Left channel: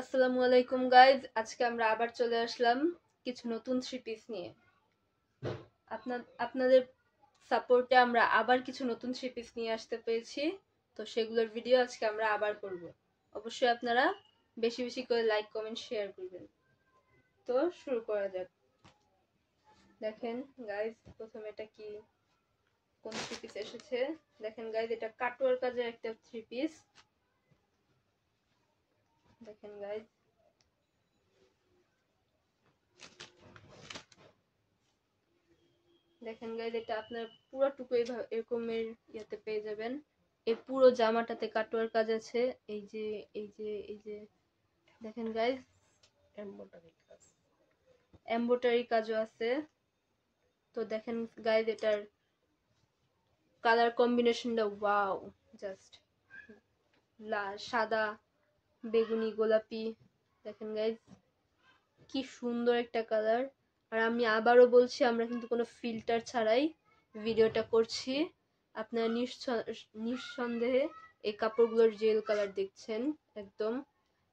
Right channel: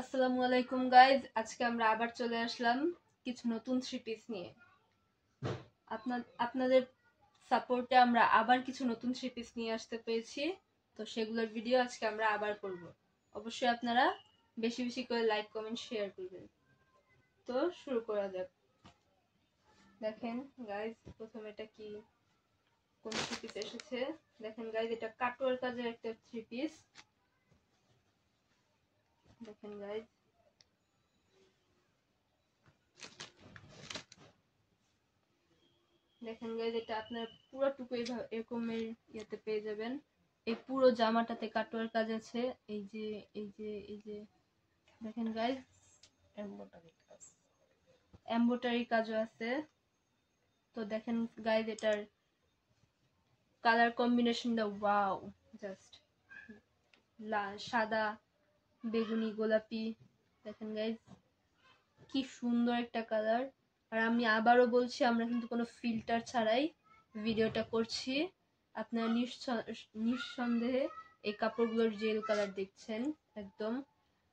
আসসালামু আলাইকুম গাইজ, আজকে আমরা আবার চলে আসলাম কিছু নতুন থ্রি পিস নিয়ে। আপনাদের সাপোর্টে আমরা আবার কিছু নতুন থ্রি পিস নিয়ে আসতে পেরেছি, তো সেগুলোর ভিডিও আজকে আমরা আবার করব। অবশ্যই আপনারা বেশি বেশি করে লাইক কমেন্ট শেয়ার করবেন। তো শুরু করা যাক। দেখেন গাইজ, প্রথমে এটা কি, কোন থ্রি পিস এসেছে। দেখেন গাইজ, এটা কাটওয়ার কাজের একটা থ্রি পিস। দেখেন গাইজ, দেখেন গাইজ, এটা আপনার পুরো টুকু এরকমের ইয়েতে পেয়ে যাবেন। এই পুরো জামাটাতে কাটওয়ার কাজ আছে। এই যে এই যে দেখেন গাইজ, এমব্রয়ডারি কাজও আছে। তো দেখেন গাইজ, এটার কালার কম্বিনেশনটা ওয়াও, জাস্ট সাদা, বেগুনি, গোলাপি। দেখেন গাইজ, কি সুন্দর একটা কালার। আর আমি আবারও বলছি, আমরা কিন্তু কোনো ফিল্টার ছাড়াই ভিডিওটা করছি। আপনারা নিঃসন্দেহে এই কাপড়গুলোর জেল কালার দেখছেন, একদম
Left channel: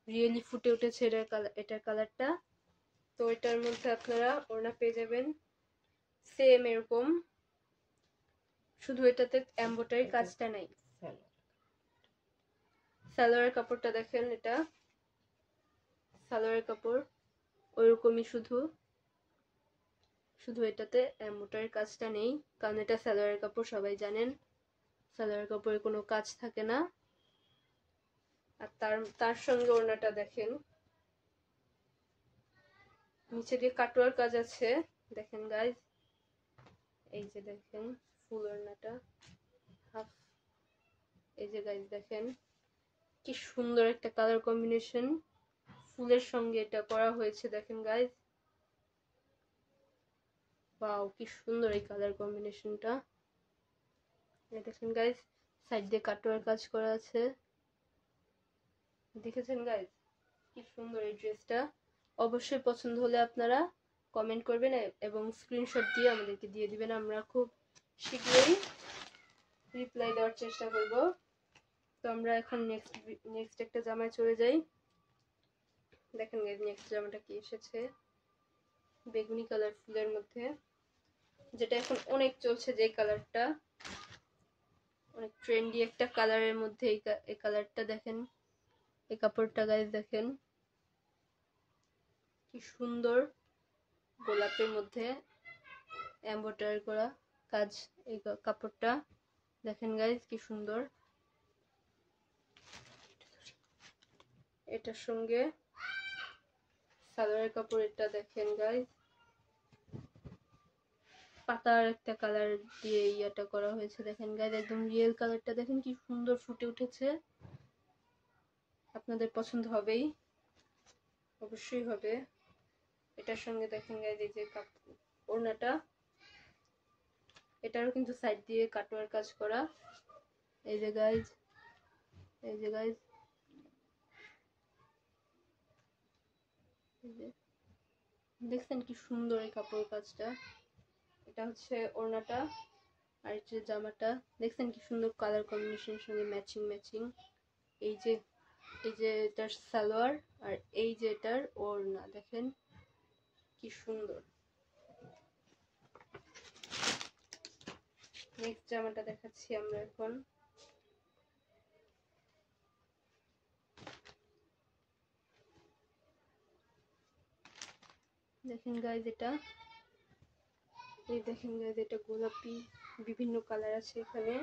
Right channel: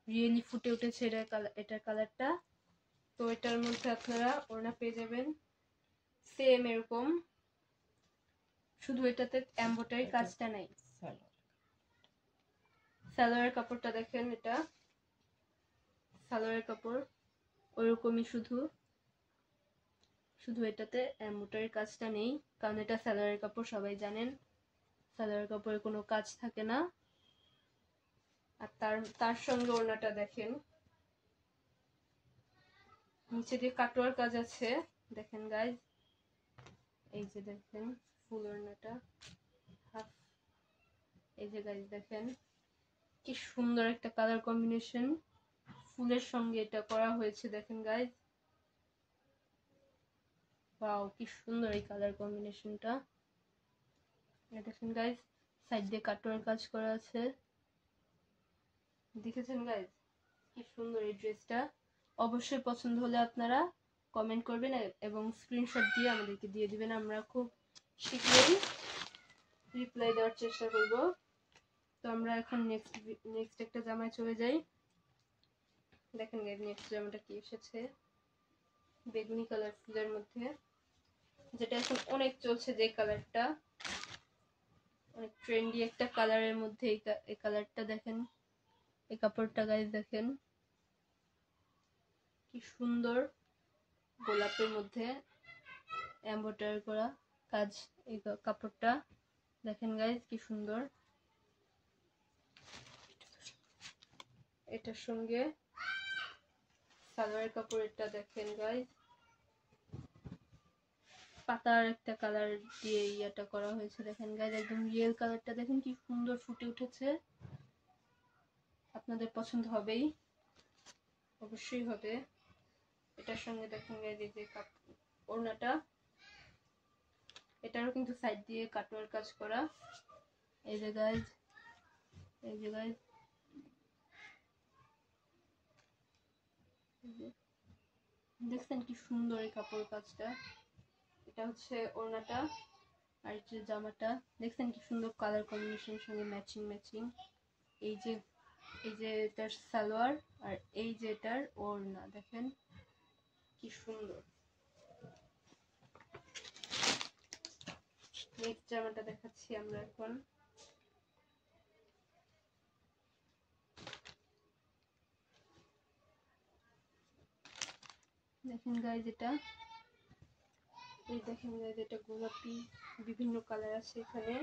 রিয়েলি ফুটে উঠেছে এটার কালারটা। তো এটার মধ্যে আপনারা ওড়না পেয়ে যাবেন সেম এরকম, শুধু এটাতে এমব্রয়ডারি কাজটা নাই। সালোয়ারের কাপড়টা দেখেন, এটা সালোয়ারের কাপড় ওইরকমই, শুধু এটাতে এমব্রয়ডারি কাজটা নেই, কারণ এটা সালোয়ারের কাপড়, সবাই জানেন সালোয়ারের কাপড়ে কোনো কাজ থাকে না। আর তার সঙ্গে ওড়নাটা দেখেন, নিচে দিয়ে কাটওয়ার কাজ আছে। দেখেন গাইজ, এই যে দেখেন ফুল ওড়নাটা, হাফ। এই যে গাইজ দেখেন, কি সুন্দর একটা কালার কম্বিনেশন ফুলের সঙ্গে এটা করা হয়েছে। দেখেন গাইজ, ওয়াও, কি সুন্দর এই কালার কম্বিনেশনটা। দেখেন গাইজ, সাইড দিয়ে কাটওয়ার কাজ করা আছে। দেখেছেন গাইজ, কি সুন্দর এই ড্রেসটা। অবশ্যই পছন্দ হলে আপনারা কমেন্ট করবেন এবং স্ক্রিনশট দিয়ে আমাদেরকে দিয়ে দিবেন। আমরা খুব শীঘ্রই রিপ্লাই দেওয়ার চেষ্টা করব। তো আমরা এখন নেক্সট একটা জামায় চলে যাই। দেখেন গাইজ, নেক্সট জামাটা কি এসেছে, বেগুনি কালার ফুলের মধ্যে, যেটা এখন অনেক চলছে, যে কালারটা অনেক ট্রেন্ডি একটা কালারের মধ্যে। এই কালারটা দেখেন, এই কাপড়টা গাইজ দেখেন, কি সুন্দর গোলাপের মধ্যে এমব্রয়ডারি করা কাজ। এই কাপড়টা দেখেন গাইজ, কি সুন্দর। এটার সঙ্গে সালোয়ার কাপড়, এটা দেখেন গাইজ, পাতার একটা কালার দিয়ে ইয়াটা করা হয়েছে। দেখেন গাইজ, একদম রিয়েল কালারটা দেখেন, কি সুন্দর ফুটে উঠেছে। আপনাদের পছন্দ হবেই, অবশ্যই হবে। এটার সঙ্গে দেখেন গাইজ, এই যে ওড়নাটা, এটারও কিন্তু সাইড দিয়ে কাটওয়ার কাজ করা। এই যে গাইজ, এই যে গাইজ, দেখছেন কি সুন্দর এই কাপড় কাজটা। এটা হচ্ছে ওড়নাটা, আর এই যে জামাটা দেখছেন কি সুন্দর কালার কম্বিনেশন সঙ্গে ম্যাচিং। এই যে এটার সালোয়ার, আর এই যে এটার ওড়না, দেখেন কি সুন্দর। নেক্সট জামাটা দেখাচ্ছি আমরা এখন। দেখেন গাইজ, এটা দেখেন গাইজ, এটা গোলাপি, বিভিন্ন কালার আছে এখানে,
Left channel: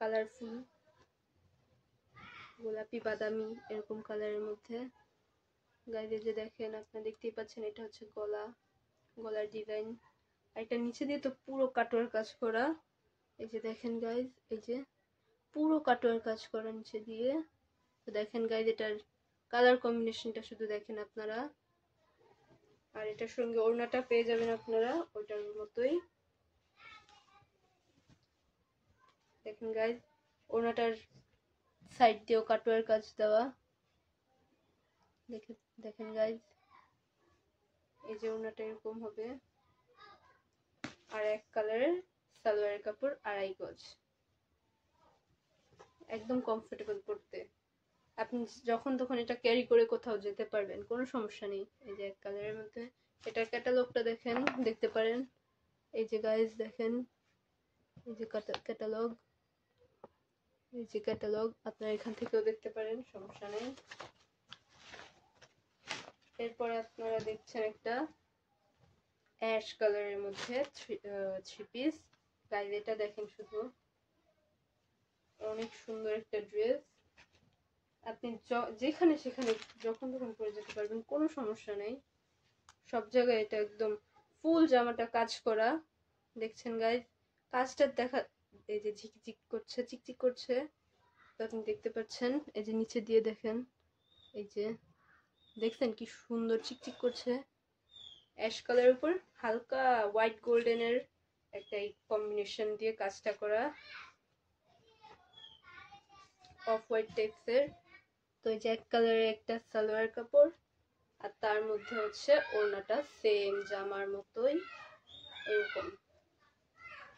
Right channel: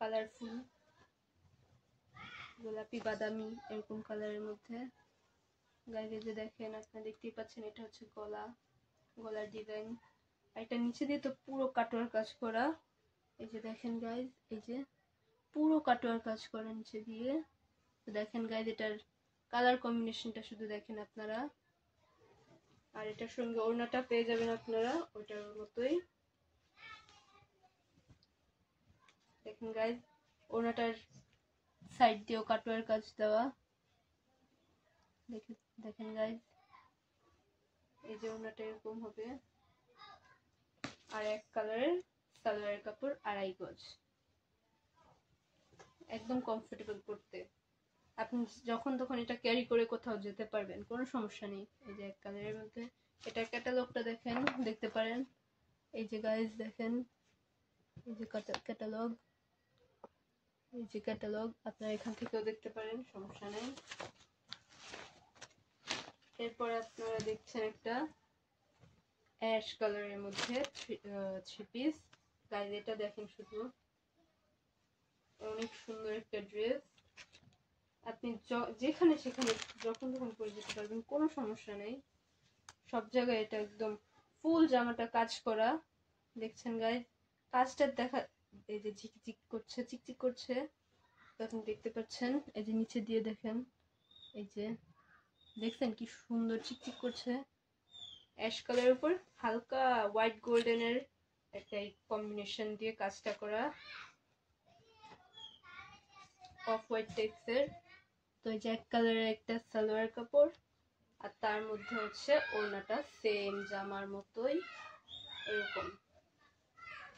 কালারফুল গোলাপি, বাদামি, এরকম কালারের মধ্যে। গাইজ এই যে দেখেন, আপনারা দেখতেই পাচ্ছেন, এটা হচ্ছে গলার ডিজাইন। আর এটা নিচে দিয়ে তো পুরো কাটওয়ার কাজ করা। এই যে দেখেন গাইজ, এই যে পুরো কাটওয়ার কাজ করা নিচে দিয়ে। তো দেখেন গাইজ, এটার কালার কম্বিনেশনটা শুধু দেখেন আপনারা। আর এটার সঙ্গে ওড়নাটা পেয়ে যাবেন আপনারা ওটার মতোই। দেখেন গাইজ, ওড়নাটার সাইড দিয়েও কাটওয়ার কাজ দেওয়া। দেখেন গাইজ, এই যে ওড়নাটা এরকম হবে, আর এক কালারের সালোয়ারের কাপড়, 2.5 গজ, একদম কমফোর্টেবল পড়তে। আপনি যখন তখন এটা ক্যারি করে কোথাও যেতে পারবেন, কোনো সমস্যা নেই। এই যে এক কালারের মধ্যে, এটা ক্যাটালগটা দেখেন, দেখতে পারেন। এই যে গাইজ দেখেন, এই যে ক্যাটালগ, এই যে ক্যাটালগ, আপনারা এখান থেকেও দেখতে পারেন, সমস্যা নেই। এরপরে আপনারা দেখছেন একটা অ্যাশ কালারের মধ্যে থ্রি পিস। গাইজ এটা দেখেন, শুধু অনেক সুন্দর একটা ড্রেস। আপনি যেখানে সেখানে যখন তখন পরে যেতে পারবেন, কোনো সমস্যা নেই। সব জায়গায় এটা একদম ফুল জামাটা কাজ করা, দেখছেন গাইজ। কাজটা দেখা, এই যে ঝিকঝিক করছে, চিকচিক করছে, তো আপনি দেখতে পাচ্ছেন। এই যে নিচে দিয়ে দেখেন, এই যে দেখছেন কি সুন্দর চিকচিক করছে। অ্যাশ কালারের উপর হালকা হোয়াইট গোল্ডেনের একটা কম্বিনেশন দিয়ে কাজটা করা, অফ হোয়াইট টাইপসের। তো এই যে এক কালারের একটা সালোয়ার কাপড়, আর তার মধ্যে হচ্ছে ওড়নাটা সেম জামার মতোই এরকম।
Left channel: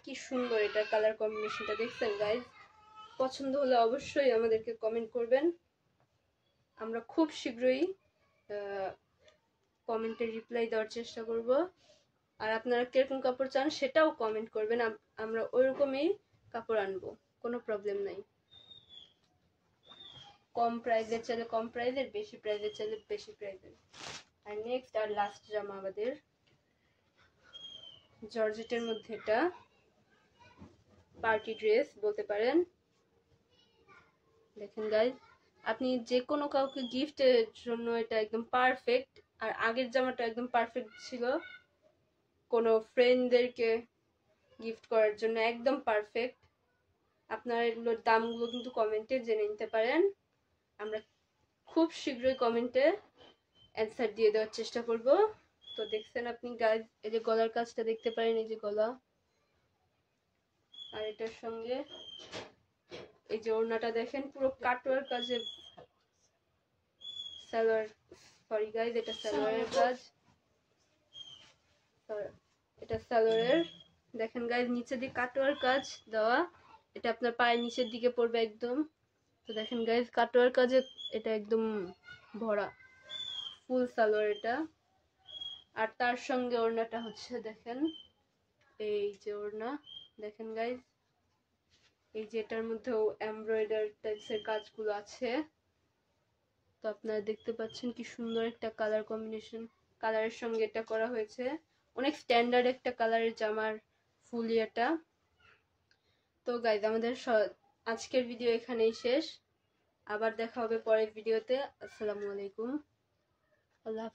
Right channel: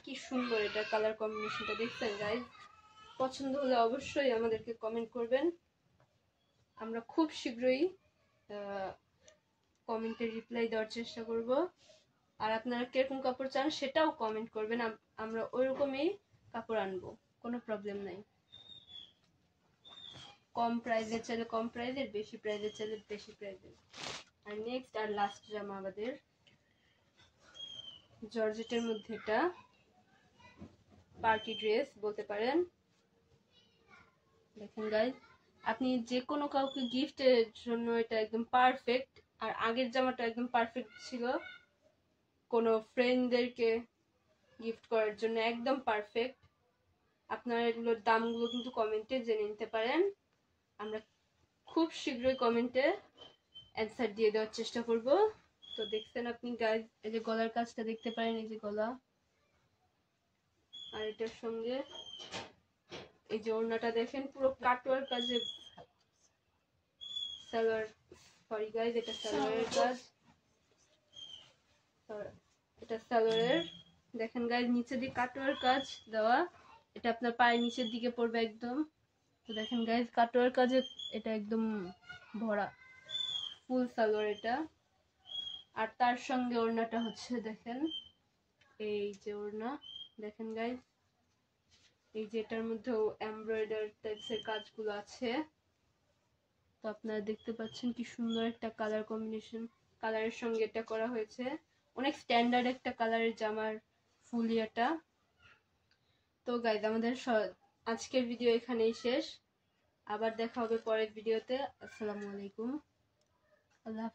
কি সুন্দর এটা কালার কম্বিনেশনটা, দেখছেন গাইজ। পছন্দ হলে অবশ্যই আমাদেরকে কমেন্ট করবেন, আমরা খুব শীঘ্রই কমেন্টে রিপ্লাই দেওয়ার চেষ্টা করব। আর আপনারা কিরকম কাপড় চান সেটাও কমেন্ট করবেন, আমরা ওইরকমই কাপড় আনবো, কোনো প্রবলেম নাই। কম প্রাইসের চাইলে কম প্রাইসের, বেশি প্রাইসের চাইলে বেশি প্রাইসের। আর নেক্সট আর লাস্ট জামা আমাদের জর্জেটের মধ্যে, এটা পার্টি ড্রেস বলতে পারেন। দেখেন গাইজ, আপনি যে কোনো কাউকে গিফটের জন্য এটা একদম পারফেক্ট। আর আগের জামাটা একদম পারফেক্ট ছিল, কোনো ফ্রেন্ডদেরকে গিফট করার জন্য একদম পারফেক্ট। আপনারা এগুলোর দামগুলো কিন্তু কমেন্টে জেনে নিতে পারেন, আমরা খুব শীঘ্রই কমেন্টে অ্যান্সার দিয়ে দেওয়ার চেষ্টা করব। তো দেখছেন আপনি গাইজ, এই যে গলার কাজটা দেখতে পারেন, এই যে গলা, আর এটার সঙ্গে এই যে ওড়নাটা দেখেন, পুরো কাটওয়ার কাজে সালোয়ার, সরি গাইজ এটা সালোয়ারের কাজ, এটা সালোয়ারের। দেখেন গাইজ নিচে দিয়ে কাটওয়ার কাজ দেওয়া, এটা আপনার পায়ের নিচের দিকে পড়বে একদম। তো দেখেন গাইজ কাটওয়ার কাজে এটা একদম ভরা ফুল সালোয়ার এটা। আর তার সঙ্গে ওড়নাটা হচ্ছে দেখেন, এই যে ওড়না দেখেন গাইজ, এই যে এটার মধ্যেও এমব্রয়ডারি টাইপসের কাজগুলো আছে। তো আপনারা দেখতে পাচ্ছেন কি সুন্দর একটা কালার কম্বিনেশন, কালারের সঙ্গে এটা করা হয়েছে। অনেক স্ট্যান্ডার্ড একটা কালারের জামার ফুল এটা। তো গাইজ আমাদের আজকের ভিডিও এখানেই শেষ, আবার দেখা হবে পরের ভিডিওতে। আসসালামু আলাইকুম, আল্লাহ।